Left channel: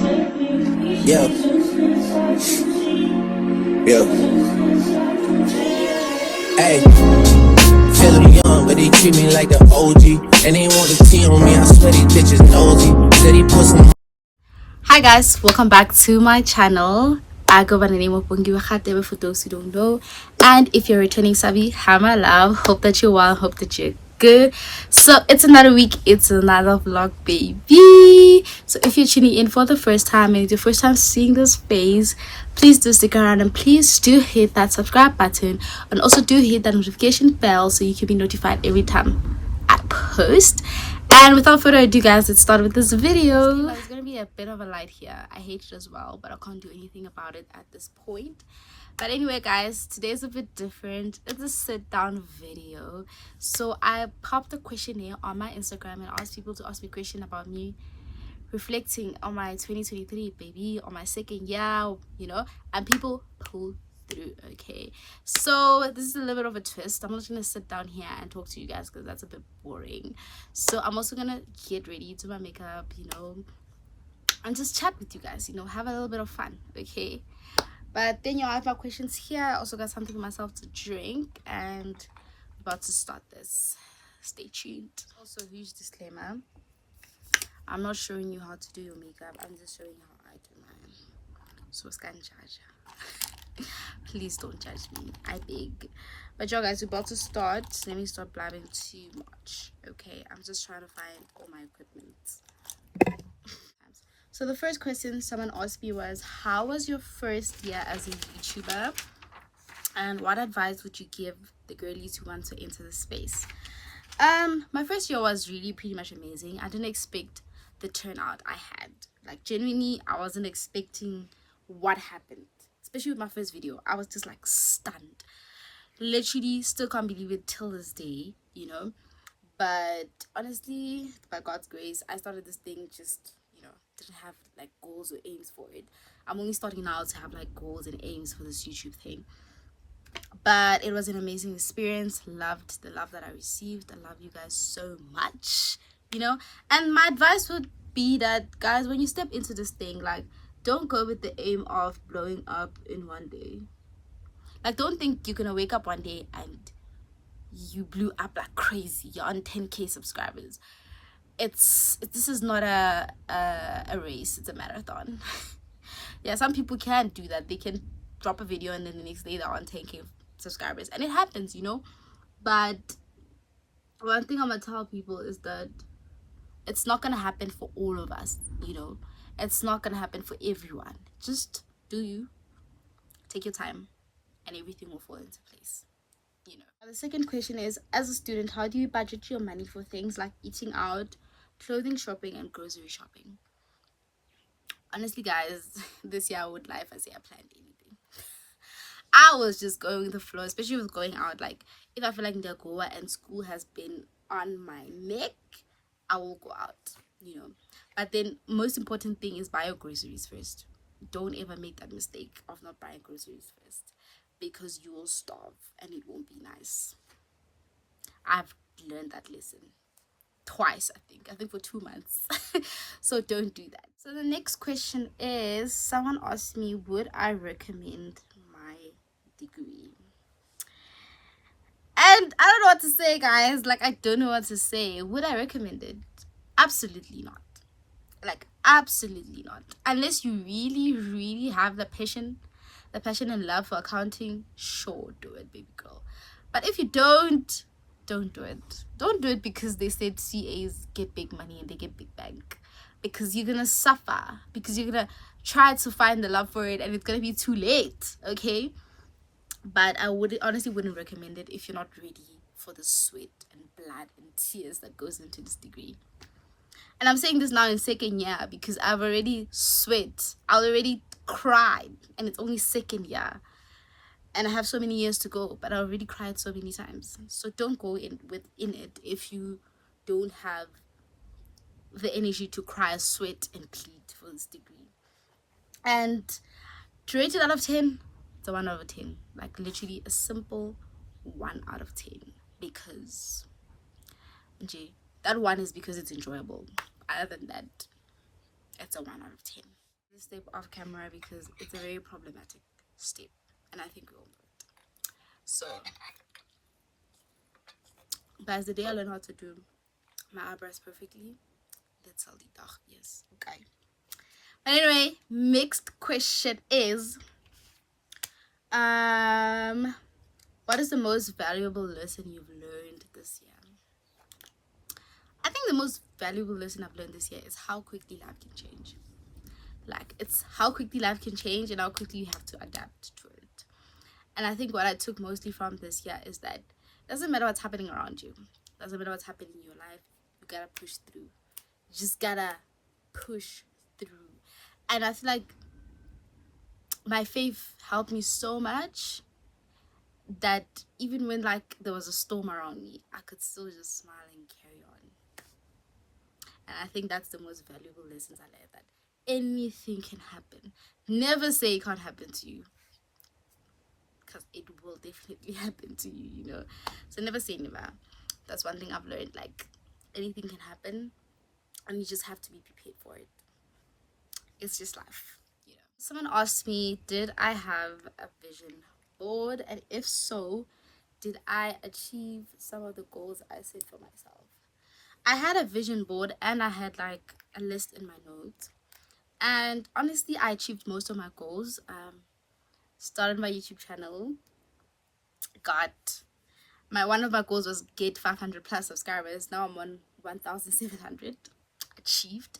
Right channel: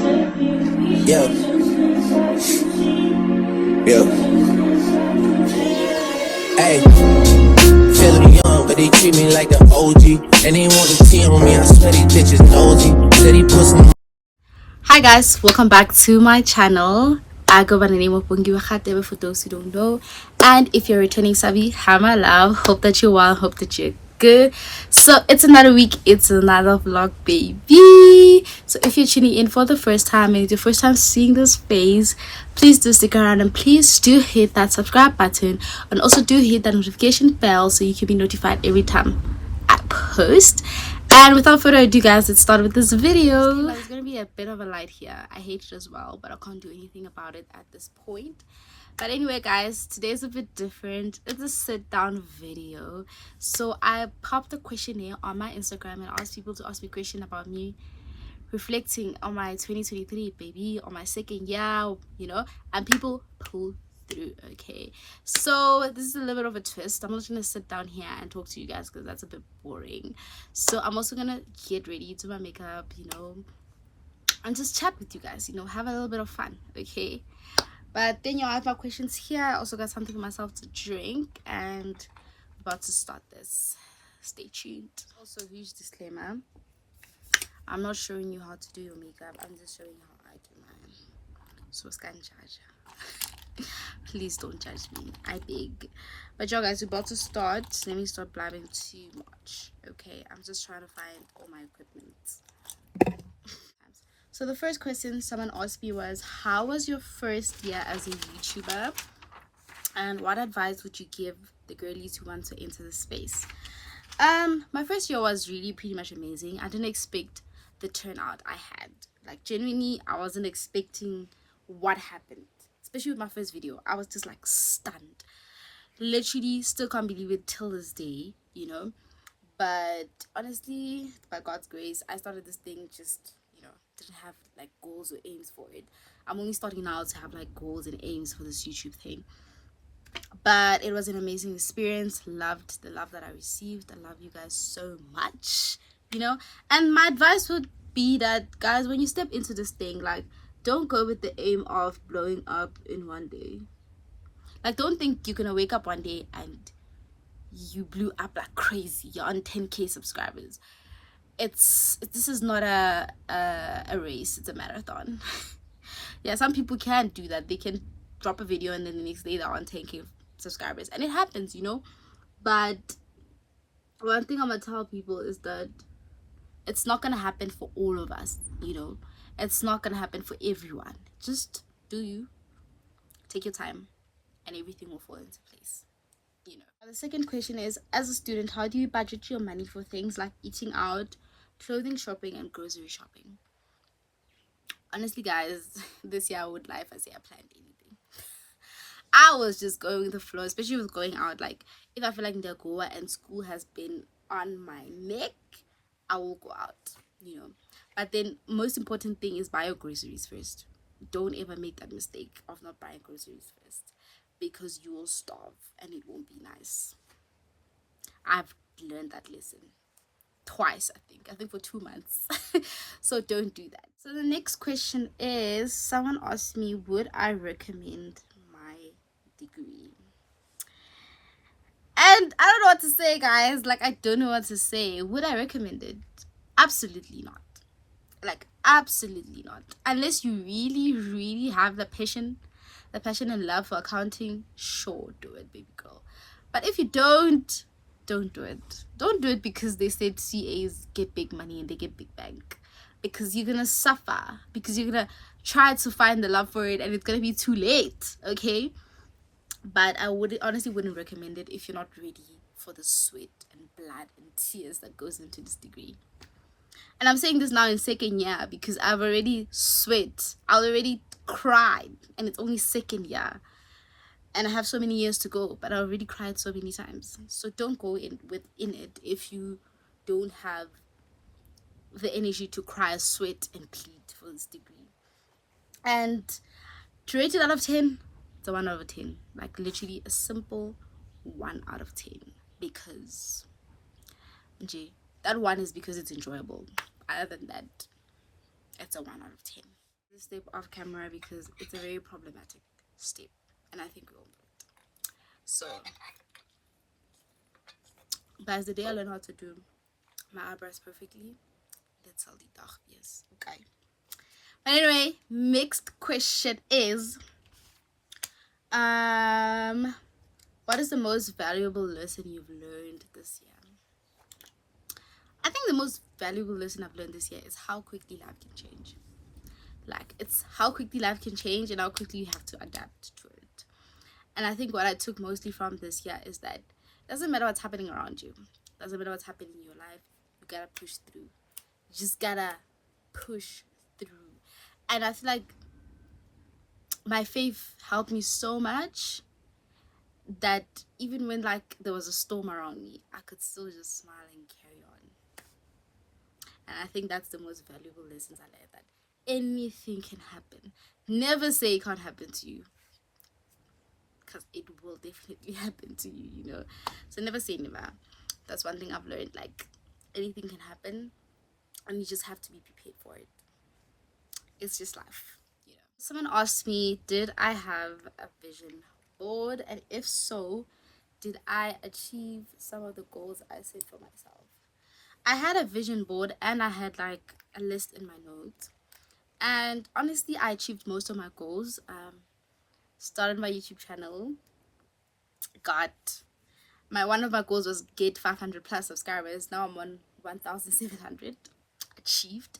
Yeah, yeah. Hey, feeling young, but they treat me like the OG. And they want the tea on me, I swear these bitches nosy. Said he put some. Hi guys, welcome back to my channel. I go by the name of Bungi Wakhatebe for those who don't know. And if you're returning Sabi, hi my love. Hope that you're well, hope that you're good. So it's another week, it's another vlog, baby. So if you're tuning in for the first time and it's your first time seeing this face, please do stick around and please do hit that subscribe button and also do hit that notification bell so you can be notified every time I post. And without further ado guys, let's start with this video. There's gonna be a bit of a light here. I hate it as well, but I can't do anything about it at this point. But anyway guys, today's a bit different. It's a sit down video. So I popped a questionnaire on my Instagram and asked people to ask me a question about me reflecting on my 2023 baby, on my second year, and people pulled through. Okay, so this is a little bit of a twist. I'm not gonna sit down here and talk to you guys because that's a bit boring. So I'm also gonna get ready, do my makeup, and just chat with you guys, have a little bit of fun. Okay, but then I have my questions here. I also got something for myself to drink and about to start this. Stay tuned. Also, huge disclaimer, I'm not showing you how to do your makeup, I'm just showing you how I do mine. So scan judge. Please don't judge me, I beg. But y'all guys, we're about to start. Let me stop blabbing too much. Okay, I'm just trying to find all my equipment. So the first question someone asked me was, how was your first year as a YouTuber? And what advice would you give the girlies who want to enter the space? My first year was really pretty much amazing. I didn't expect the turnout I had. Like, genuinely, I wasn't expecting what happened, especially with my first video. I was just like stunned, literally still can't believe it till this day, but honestly, by God's grace, I started this thing just, didn't have like goals or aims for it. I'm only starting now to have like goals and aims for this YouTube thing. But it was an amazing experience. Loved the love that I received. I love you guys so much, and my advice would be that, guys, when you step into this thing, like, don't go with the aim of blowing up in one day. Like, don't think you're gonna wake up one day and you blew up like crazy. You're on 10k subscribers. This is not a race, it's a marathon. Yeah, some people can't do that. They can drop a video and then the next day they're on 10k subscribers, and it happens, but one thing I'm gonna tell people is that it's not gonna happen for all of us. It's not gonna happen for everyone. Just do you, take your time, and everything will fall into place. The second question is, as a student, how do you budget your money for things like eating out, clothing shopping, and grocery shopping? Honestly guys, this year I would lie if I say I planned anything. I was just going with the flow, especially with going out. Like, if I feel like Ndagoa and school has been on my neck, I will go out, But then, most important thing is buy your groceries first. Don't ever make that mistake of not buying groceries first, because you will starve and it won't be nice. I've learned that lesson twice, I think for 2 months. So don't do that. So the next question is, someone asked me, would I recommend my degree? And I don't know what to say, guys. Like, I don't know what to say. Would I recommend it? Absolutely not. Like, absolutely not. Unless you really, really have the passion and love for accounting, sure, do it, baby girl. But if you don't do it. Don't do it because they said CAs get big money and they get big bank. Because you're gonna suffer. Because you're gonna try to find the love for it and it's gonna be too late. Okay? But I honestly wouldn't recommend it if you're not ready for the sweat and blood and tears that goes into this degree. And I'm saying this now in second year because I've already sweat. I already cried, and it's only second year. And I have so many years to go, but I already cried so many times. So don't go in it if you don't have the energy to cry, sweat, and plead for this degree. And to rate it out of 10, it's a 1 out of 10. Like, literally a simple 1 out of 10. Because that 1 is because it's enjoyable. Other than that, it's a 1 out of 10. this step off camera because it's a very problematic step, and I think we all know it. So, guys, the day I learned how to do my eyebrows perfectly, that's all the dag yes. Okay. But anyway, next question is, what is the most valuable lesson you've learned this year? I think the most valuable lesson I've learned this year is how quickly life can change. Like, it's how quickly life can change and how quickly you have to adapt to it. And I think what I took mostly from this year is that it doesn't matter what's happening around you. It doesn't matter what's happening in your life. You gotta push through. You just gotta push through. And I feel like my faith helped me so much that even when like there was a storm around me, I could still just smile and carry on. And I think that's the most valuable lessons I learned, that anything can happen. Never say it can't happen to you, because it will definitely happen to you, you know. So never say never. That's one thing I've learned. Like, anything can happen and you just have to be prepared for it. It's just life, you know. Someone asked me, did I have a vision board, and if so, did I achieve some of the goals I set for myself? I had a vision board and I had like a list in my notes, and honestly I achieved most of my goals. Started my YouTube channel, got my one of my goals was get 500 plus subscribers. Now I'm on 1,700, achieved.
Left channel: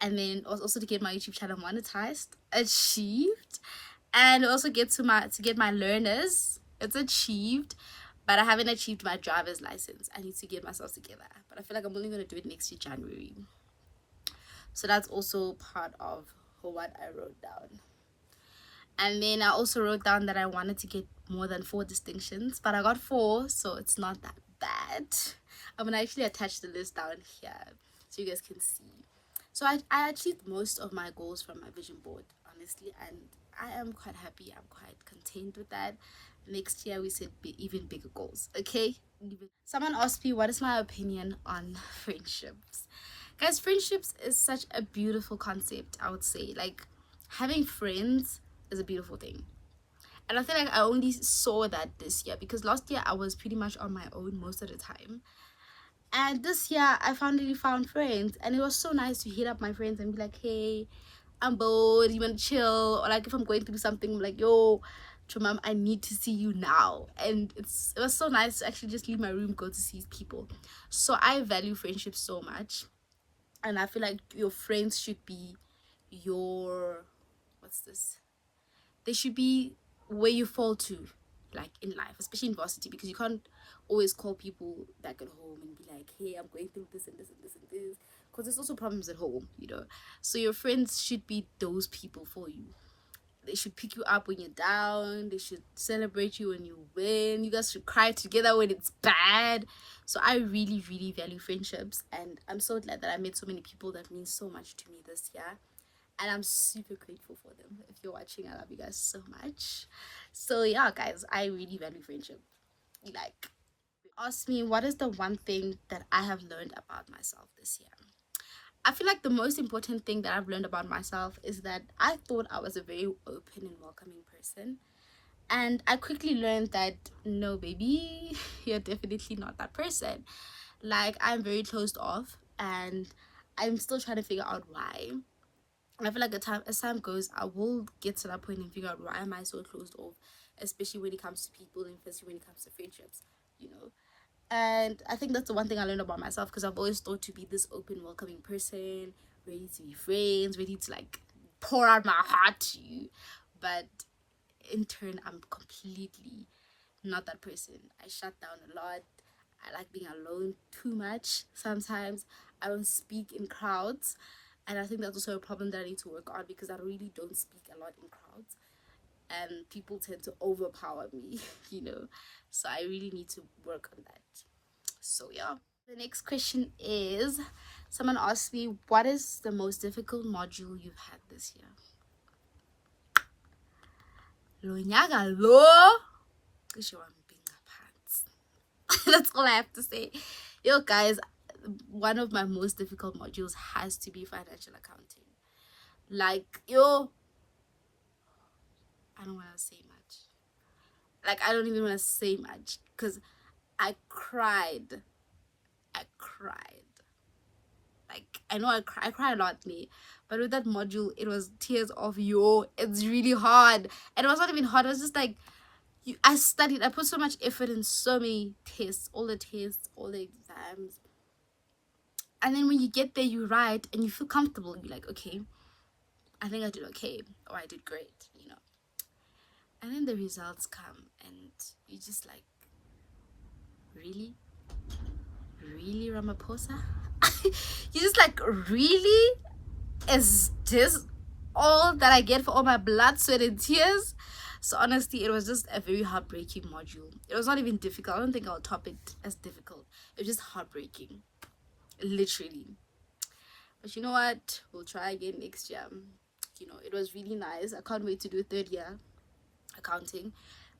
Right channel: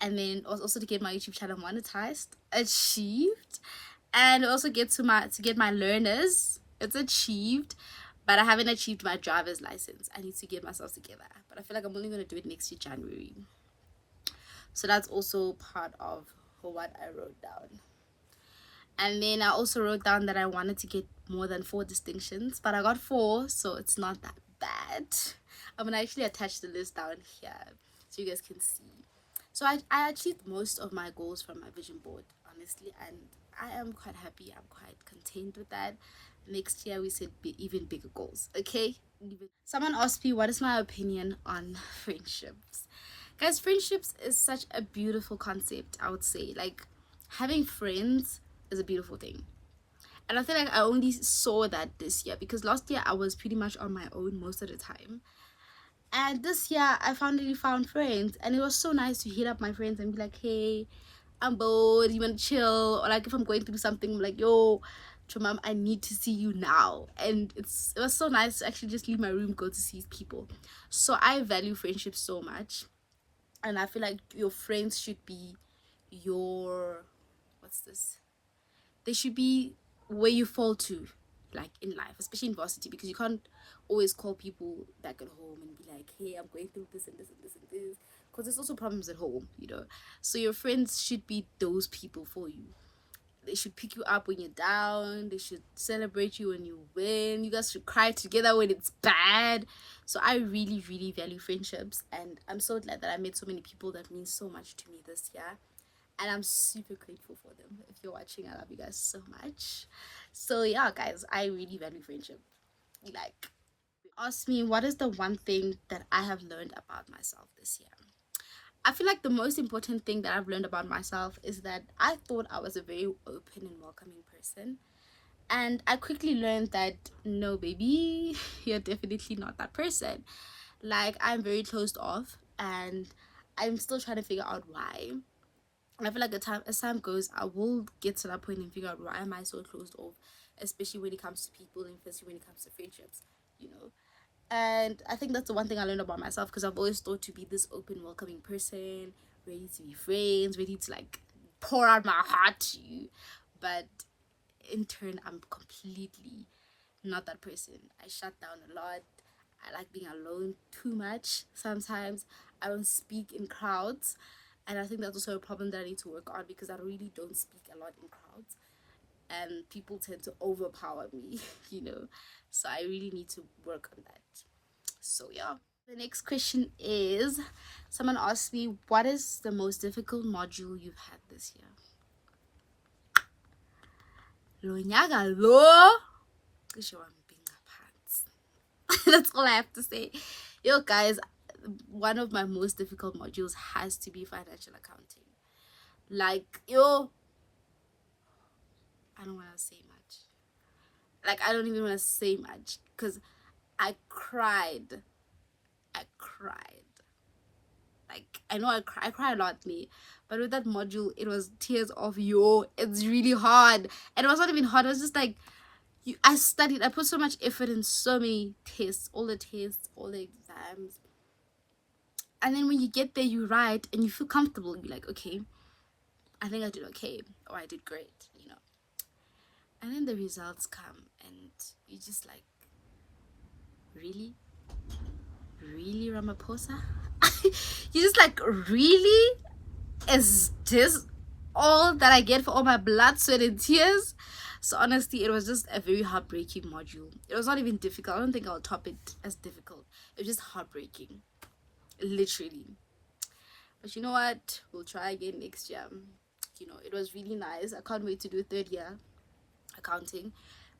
And then also to get my YouTube channel monetized, achieved. And also get to get my learners, it's achieved. But I haven't achieved my driver's license. I need to get myself together, but I feel like I'm only going to do it next year, January. So that's also part of what I wrote down. And then I also wrote down that I wanted to get more than 4 distinctions, but I got 4, so it's not that bad. I'm gonna actually attach the list down here so you guys can see. So I achieved most of my goals from my vision board, honestly, and I am quite happy. I'm quite content with that. Next year we set even bigger goals, okay? Someone asked me, what is my opinion on friendships? Guys, friendships is such a beautiful concept, I would say. Like, having friends is a beautiful thing. And I feel like I only saw that this year, because last year I was pretty much on my own most of the time. And this year I finally found friends, and it was so nice to hit up my friends and be like, hey, I'm bored, you wanna chill? Or like if I'm going through something, I'm like, yo, Chumam, I need to see you now. And it was so nice to actually just leave my room, go to see people. So I value friendship so much. And I feel like your friends should be your, what's this? They should be where you fall to, like in life, especially in varsity, because you can't always call people back at home and be like, hey, I'm going through this and this and this and this, because there's also problems at home, you know. So your friends should be those people for you. They should pick you up when you're down. They should celebrate you when you win. You guys should cry together when it's bad. So I really, really value friendships, and I'm so glad that I met so many people that mean so much to me this year. And I'm super grateful for them. If you're watching, I love you guys so much. So yeah, guys, I really value friendship. Like, ask me, what is the one thing that I have learned about myself this year? I feel like the most important thing that I've learned about myself is that I thought I was a very open and welcoming person. And I quickly learned that no, baby, you're definitely not that person. Like, I'm very closed off, and I'm still trying to figure out why. And I feel like as time goes, I will get to that point and figure out why am I so closed off, especially when it comes to people and especially when it comes to friendships, you know. And I think that's the one thing I learned about myself, because I've always thought to be this open, welcoming person, ready to be friends, ready to like pour out my heart to you. But in turn, I'm completely not that person. I shut down a lot. I like being alone too much sometimes. I don't speak in crowds. And I think that's also a problem that I need to work on, because I really don't speak a lot in crowds. And people tend to overpower me, you know. So I really need to work on that. So yeah. The next question is, someone asked me, what is the most difficult module you've had this year? Lo nyaka lo. That's all I have to say. Yo guys, one of my most difficult modules has to be financial accounting. Like, yo, I don't want to say much. Like, I don't even want to say much because I cried. I cried. Like, I know I cry a lot, me, but with that module, it was tears of yo. It's really hard, and it was not even hard. It was just like I studied. I put so much effort in so many tests, all the exams, and then when you get there, you write and you feel comfortable. You're like, okay, I think I did okay, or I did great, you know. And then the results come, and you just like, really, really, Ramaphosa. You just like, really, is this all that I get for all my blood, sweat, and tears? So honestly, it was just a very heartbreaking module. It was not even difficult. I don't think I'll top it as difficult. It was just heartbreaking, literally. But you know what? We'll try again next year. You know, it was really nice. I can't wait to do third year accounting.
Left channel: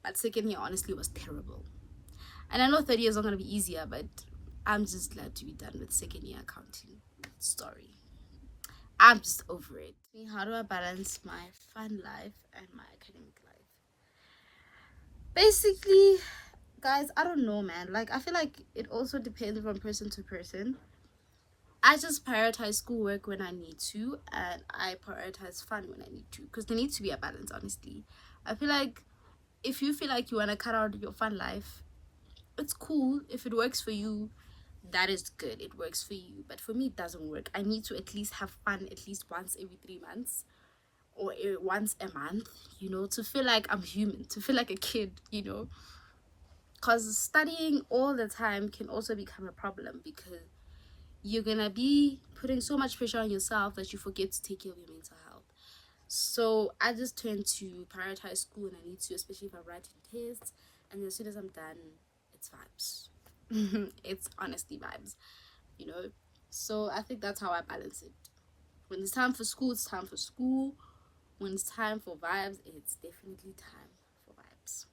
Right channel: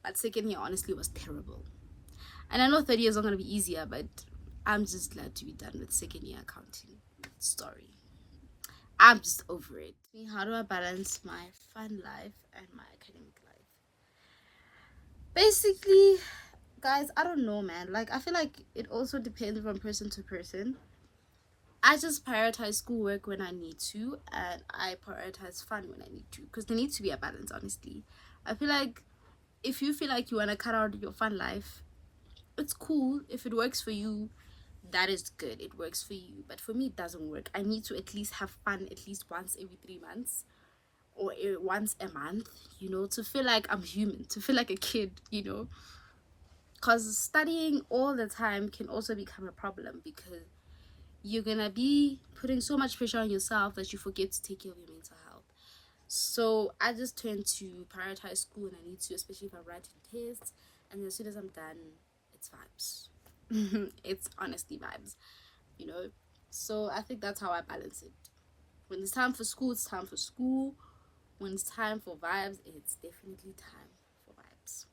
But second year, honestly, was terrible. And I know third year is not going to be easier, but I'm just glad to be done with second year accounting. Story. I'm just over it. How do I balance my fun life and my academic life? Basically, guys, I don't know, man. Like, I feel like it also depends from person to person. I just prioritize schoolwork when I need to, and I prioritize fun when I need to, because there needs to be a balance, honestly. I feel like if you feel like you want to cut out your fun life, it's cool. If it works for you, that is good. It works for you. But for me, it doesn't work. I need to at least have fun at least once every 3 months, or once a month, you know, to feel like I'm human, to feel like a kid, you know. Because studying all the time can also become a problem, because you're gonna be putting so much pressure on yourself that you forget to take care of your mental health. So I just tend to prioritize school when I need to, especially if I'm writing tests. And as soon as I'm done, it's vibes. It's honestly vibes, you know. So I think that's how I balance it. When it's time for school, it's time for school. When it's time for vibes, it's definitely time for vibes,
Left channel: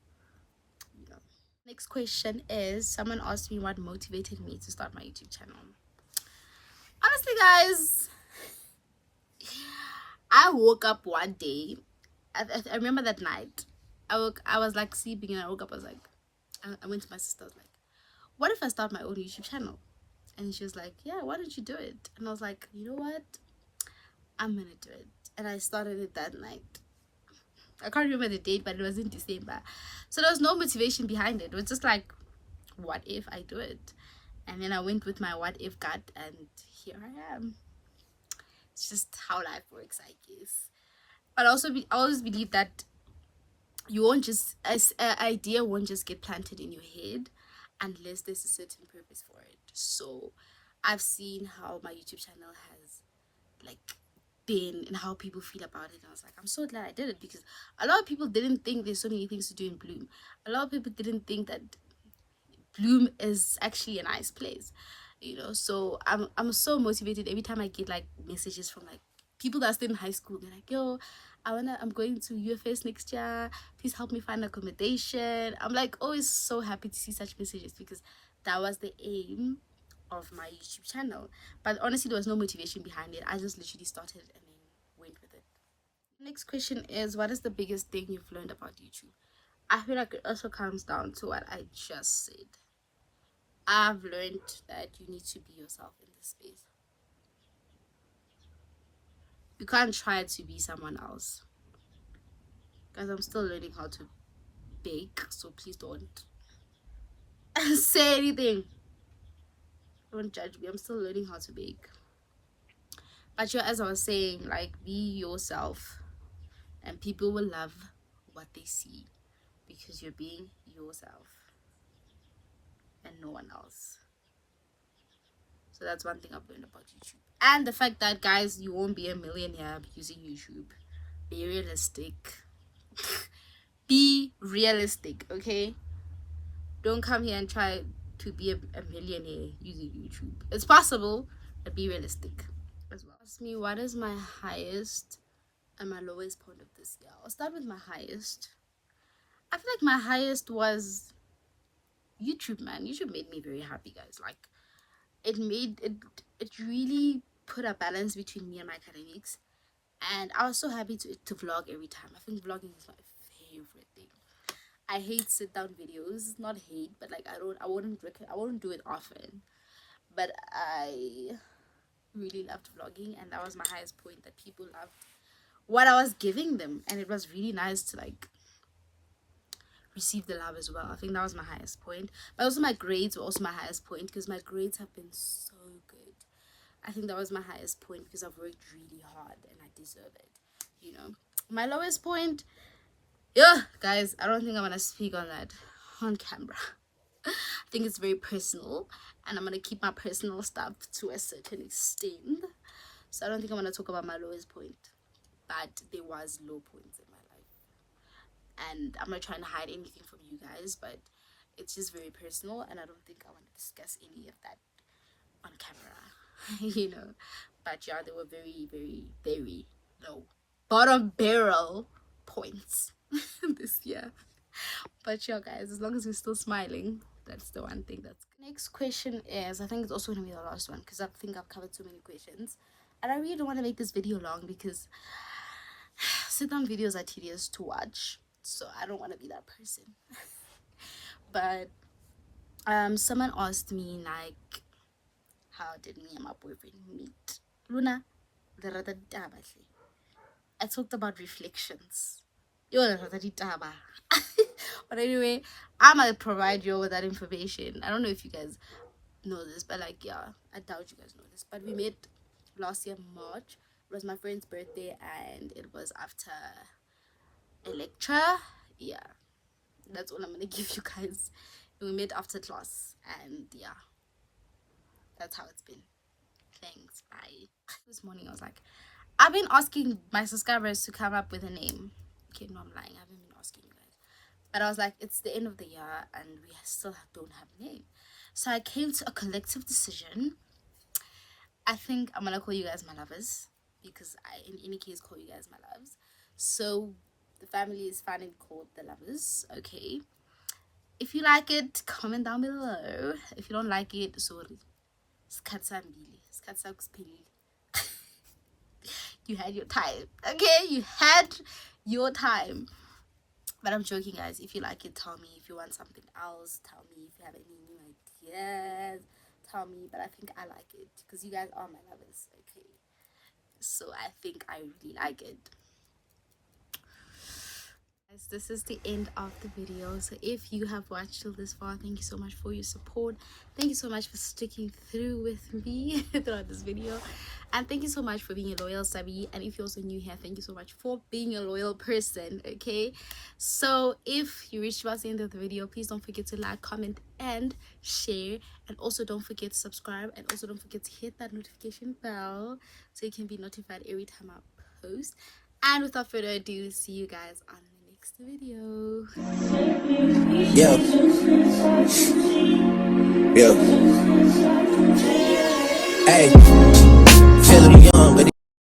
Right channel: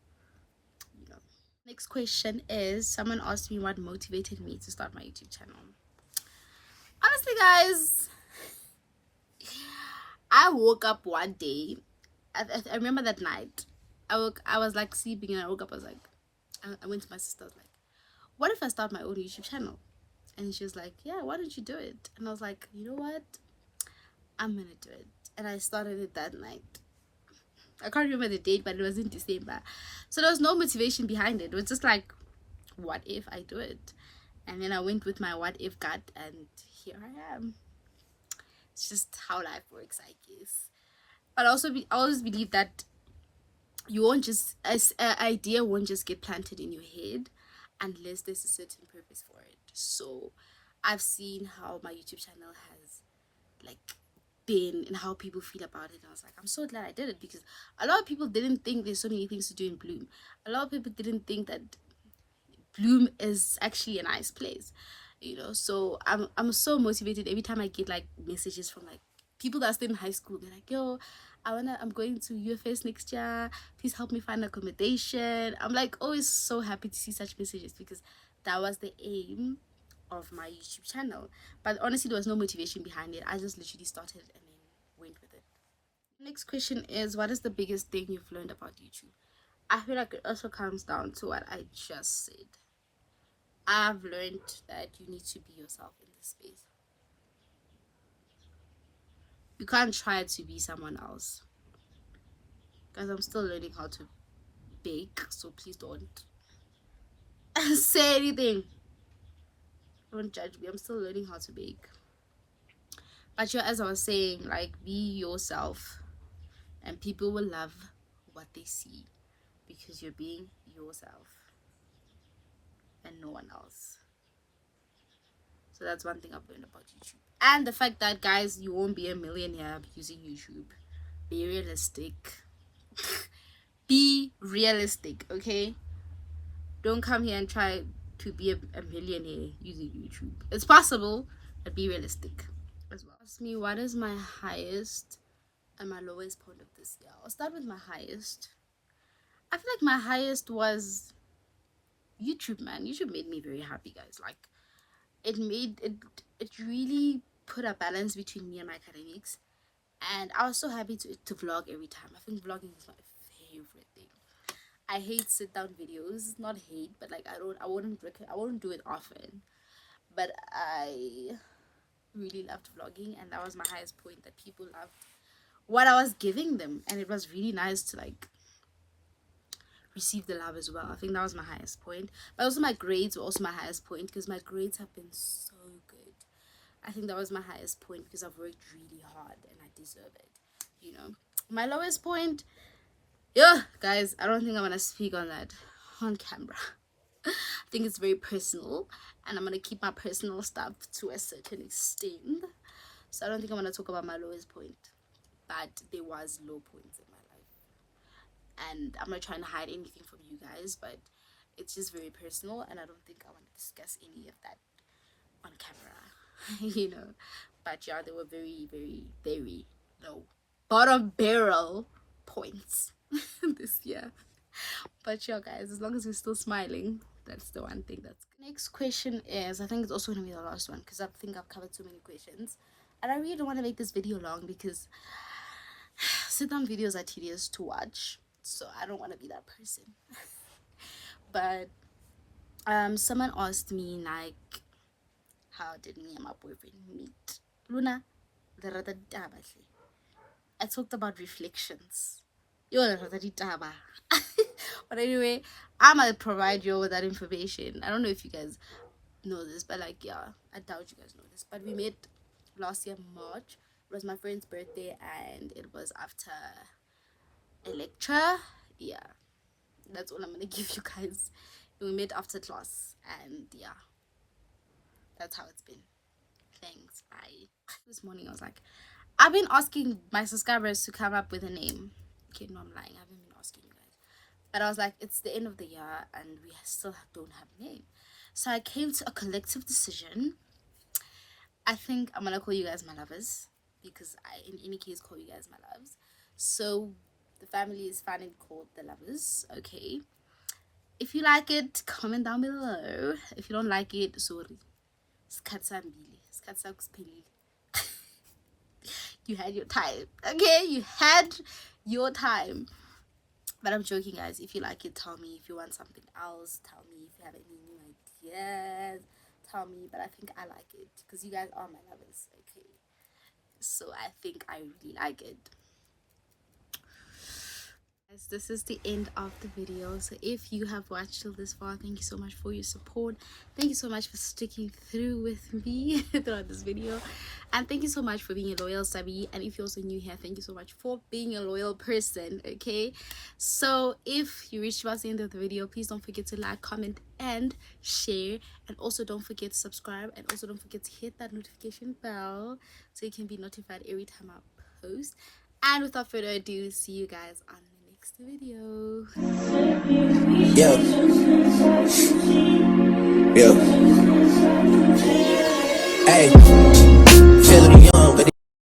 you know. Next question is, someone asked me what motivated me to start my YouTube channel. Honestly, guys, I woke up one day. I remember that night. I was like sleeping, and I woke up. I was like, I went to my sister. I was like, what if I start my own YouTube channel? And she was like, yeah, why don't you do it? And I was like, you know what? I'm gonna do it. And I started it that night. I can't remember the date, but it was in December. So there was no motivation behind it. It was just like, what if I do it? And then I went with my what if gut, and here I am. It's just how life works, I guess. But I always believe that you won't just, as an idea won't just get planted in your head unless there's a certain purpose for it. So I've seen how my YouTube channel has like been and how people feel about it. And I was like, I'm so glad I did it, because a lot of people didn't think there's so many things to do in Bloom. A lot of people didn't think that Bloom is actually a nice place, you know. So I'm so motivated every time I get like messages from like people that are still in high school. They're like, yo, I'm going to UFS next year, please help me find accommodation. I'm like always so happy to see such messages, because that was the aim of my YouTube channel. But honestly, there was no motivation behind it. I just literally started and then went with it. Next question is, what is the biggest thing you've learned about YouTube? I feel like it also comes down to what I just said. I've learned that you need to be yourself in this space. You can't try to be someone else. Guys, I'm still learning how to bake, so please don't say anything. Don't judge me. I'm still learning how to bake. But yeah, as I was saying, like, be yourself, and people will love what they see, because you're being yourself and no one else. So that's one thing I've learned about YouTube. And the fact that, guys, you won't be a millionaire using YouTube. Be realistic. Be realistic, okay? Don't come here and try to be a millionaire using YouTube. It's possible, but be realistic as well. Ask me, what is my highest and my lowest point of this year? I'll start with my highest. I feel like my highest was YouTube, man. YouTube made me very happy, guys. Like, it really put a balance between me and my academics, And I was so happy to vlog every time. I think vlogging is my favorite thing. I hate sit down videos. Not hate, but like I wouldn't do it often. But I really loved vlogging, and that was my highest point, that people loved what I was giving them, and it was really nice to like receive the love as well. I think that was my highest point. But also my grades were also my highest point, because my grades have been so good. I think that was my highest point because I've worked really hard and I deserve it, you know. My lowest point, yeah, guys, I don't think I want to speak on that on camera. I think it's very personal, and I'm going to keep my personal stuff to a certain extent. So I don't think I want to talk about my lowest point, but there was low points in my life. And I'm not trying to hide anything from you guys, but it's just very personal, and I don't think I want to discuss any of that on camera, you know. But yeah, they were very, very, very low, bottom barrel points this year. But yeah, guys, as long as we're still smiling, that's the one thing. That's next question is, I think it's also gonna be the last one, because I think I've covered so many questions, and I really don't want to make this video long because sit down videos are tedious to watch, so I don't want to be that person. But someone asked me like, how did me and my boyfriend meet? Luna, I talked about reflections. But anyway, I'm gonna provide you with that information. I don't know if you guys know this, but like, yeah, I doubt you guys know this, but we met last year March. It was my friend's birthday, and it was after Electra. Yeah, that's all I'm gonna give you guys. We met after class, and yeah, that's how it's been. Thanks, bye. This morning I was like, I've been asking my subscribers to come up with a name. Okay, no, I'm lying, I haven't been asking you guys, but I was like, it's the end of the year and we still don't have a name. So I came to a collective decision. I think I'm gonna call you guys my lovers, because I, in any case, call you guys my loves. So the family is finally called the lovers. Okay, if you like it, comment down below. If you don't like it, sorry. You had your time. Okay, you had your time. But I'm joking, guys. If you like it, tell me. If you want something else, tell me. If you have any new ideas, tell me. But I think I like it, because you guys are my lovers. Okay, so I think I really like it. This is the end of the video. So if you have watched till this far, thank you so much for your support. Thank you so much for sticking through with me throughout this video, and thank you so much for being a loyal subby. And if you're also new here, thank you so much for being a loyal person. Okay, so if you reached past the end of the video, please don't forget to like, comment, and share. And also don't forget to subscribe, and also don't forget to hit that notification bell so you can be notified every time I post. And without further ado, see you guys on video. Yeah. Yeah. Hey, feeling young, but